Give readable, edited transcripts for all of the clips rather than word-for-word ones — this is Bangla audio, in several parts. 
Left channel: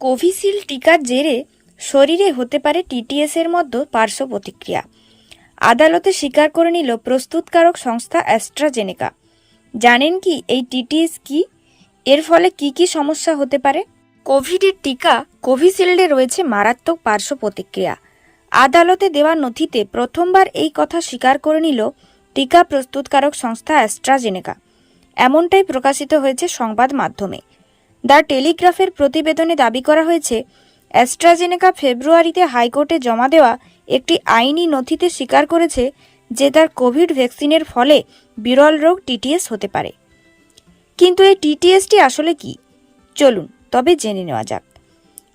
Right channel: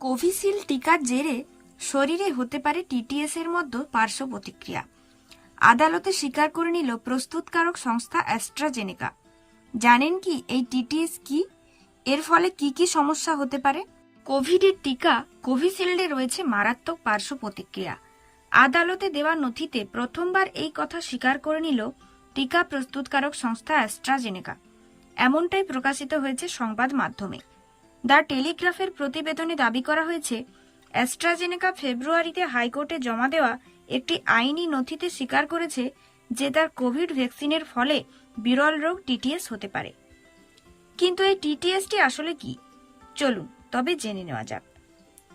কোভিশিল্ড টিকার জেরে শরীরে হতে পারে টিটিএস এর মধ্যে পার্শ্ব প্রতিক্রিয়া। আদালতে স্বীকার করে নিল প্রস্তুতকারক সংস্থা অ্যাস্ট্রাজেনেকা। জানেন কি এই টিটিএস কি, এর ফলে কি কি সমস্যা হতে পারে? কোভিডের টিকা কোভিশিল্ডে রয়েছে মারাত্মক পার্শ্ব প্রতিক্রিয়া। আদালতে দেওয়া নথিতে প্রথমবার এই কথা স্বীকার করে নিল টিকা প্রস্তুতকারক সংস্থা অ্যাস্ট্রাজেনেকা। এমনটাই প্রকাশিত হয়েছে সংবাদ মাধ্যমে। দ্য টেলিগ্রাফের প্রতিবেদনে দাবি করা হয়েছে, অ্যাস্ট্রাজেনেকা ফেব্রুয়ারিতে হাইকোর্টে জমা দেওয়া একটি আইনি নথিতে স্বীকার করেছে যে তার কোভিড ভ্যাকসিনের ফলে বিরল রোগ টিটিএস হতে পারে। কিন্তু এই টিটিএসটি আসলে কি, চলুন তবে জেনে নেওয়া যাক।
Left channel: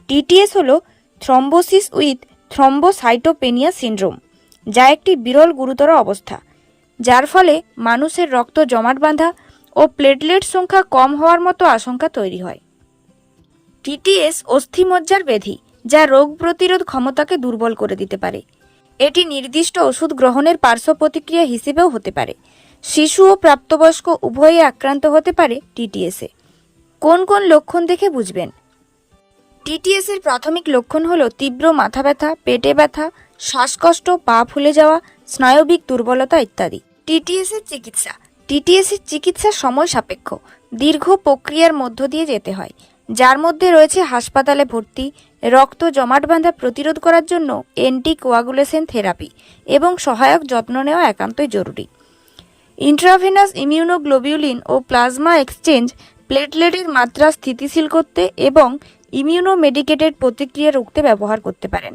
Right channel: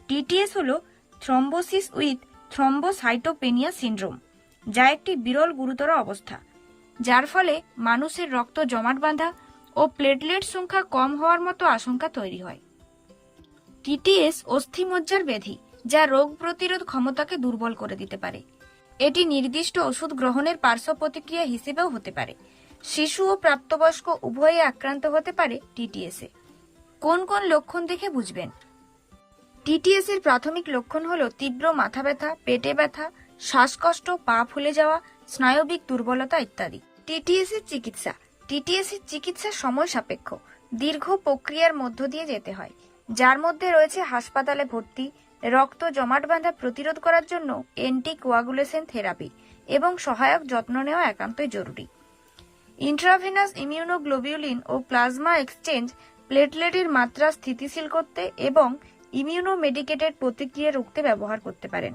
টিটিএস হলো থ্রম্বোসিস উইথ থ্রম্বোসাইটোপেনিয়া সিন্ড্রোম, যা একটি বিরল গুরুতর অবস্থা, যার ফলে মানুষের রক্ত জমাট বাঁধা ও প্লেটলেট সংখ্যা কম হওয়ার মতো আশঙ্কা তৈরি হয়। টিটিএস অস্থিমজ্জার ব্যাধি, যা রোগ প্রতিরোধ ক্ষমতাকে দুর্বল করে দিতে পারে। এটি নির্দিষ্ট ওষুধ গ্রহণের পার্শ্ব প্রতিক্রিয়া হিসেবেও হতে পারে। শিশু ও প্রাপ্তবয়স্ক উভয়ই আক্রান্ত হতে পারে টিটিএসে। কোন কোন লক্ষণ দেখে বুঝবেন? টিটিএস এর প্রাথমিক লক্ষণ হলো তীব্র মাথা ব্যথা, পেটে ব্যথা, শ্বাসকষ্ট, পা ফুলে যাওয়া, স্নায়বিক দুর্বলতা ইত্যাদি। টিটিএস এর চিকিৎসা সময় সাপেক্ষ, দীর্ঘ প্রক্রিয়ার মধ্য দিয়ে যেতে হয়, যার মধ্যে রয়েছে হাসপাতালে ভর্তি, রক্ত জমাট বাঁধা প্রতিরোধ করার জন্য অ্যান্টিকোয়াগুলেশন থেরাপি এবং সহায়ক যত্ন নেওয়া একান্তই জরুরি। ইন্ট্রাভেনাস ইমিউনোগ্লোবিউলিন ও প্লাজমা এক্সচেঞ্জ প্লেটলেটের মাত্রা স্থিতিশীল করতে এবং ইমিউনোমেডিকেটেড প্রতিক্রিয়া রুখতে ব্যবহার করতে পারেন।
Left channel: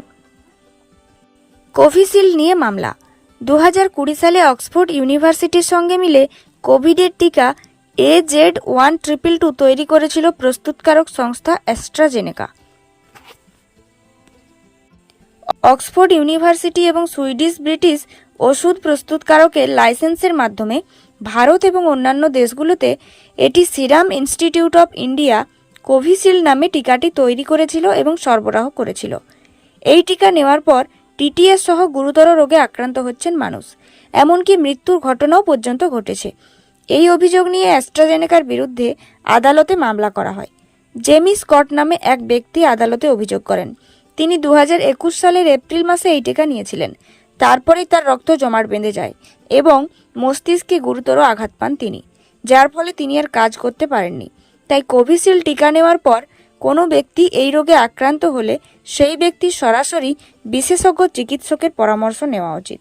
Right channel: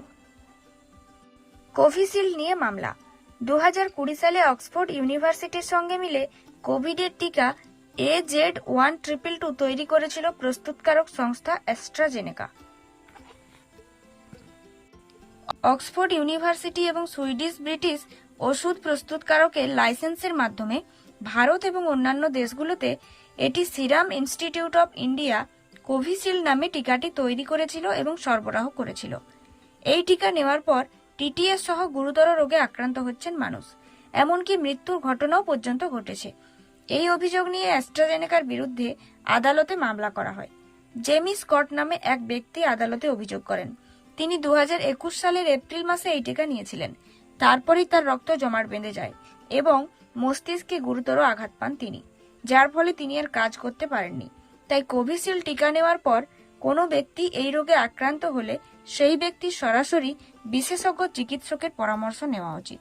কোভিশিল্ড নিয়ে মামলা। 2020 সালে অক্সফোর্ড ইউনিভার্সিটির সঙ্গে মিলে কোভিডের টিকা AZ-1222 তৈরি করেছিল প্রস্তুতকারক সংস্থা অ্যাস্ট্রাজেনেকা। অক্সফোর্ড ইউনিভার্সিটি এবং সুইডিশ ব্রিটিশ ওষুধ প্রস্তুতকারকের লাইসেন্সের মাধ্যমে ভারত এবং অন্যান্য দেশগুলোতে এটি serum institute of India Covishield নামে টিকাটি তৈরি করেছিল এবং সরবরাহ করেছিল। এই টিকা নেওয়ার পর টিটিএস সহ গুরুতর রোগে আক্রান্ত হচ্ছেন মানুষ, এমনকি মৃত্যুর ঘটনাও পর্যন্ত ঘটেছে। এই অভিযোগ নিয়ে অ্যাস্ট্রাজেনেকার বিরুদ্ধে আদালতে মামলা করা হয়। জেমি স্কট নামে এক ব্যক্তি আদালতে অভিযোগ করেন, তিনি 2021 সালের এপ্রিল মাসে এই টিকা নিয়েছিলেন। তারপরেই তার রক্ত জমাট বেঁধে যায় এবং মস্তিষ্কে গুরুতর আঘাত পান তিনি, যার ফলে তিনি আর কাজ করতে পারেননি। তাই কোভিশিল্ড টিকা নেওয়ার পর কোনো ব্যক্তি এই রোগে আক্রান্ত হলে সেই ব্যক্তির সরাসরি বিশেষজ্ঞ চিকিৎসকের পরামর্শ নেওয়া উচিত।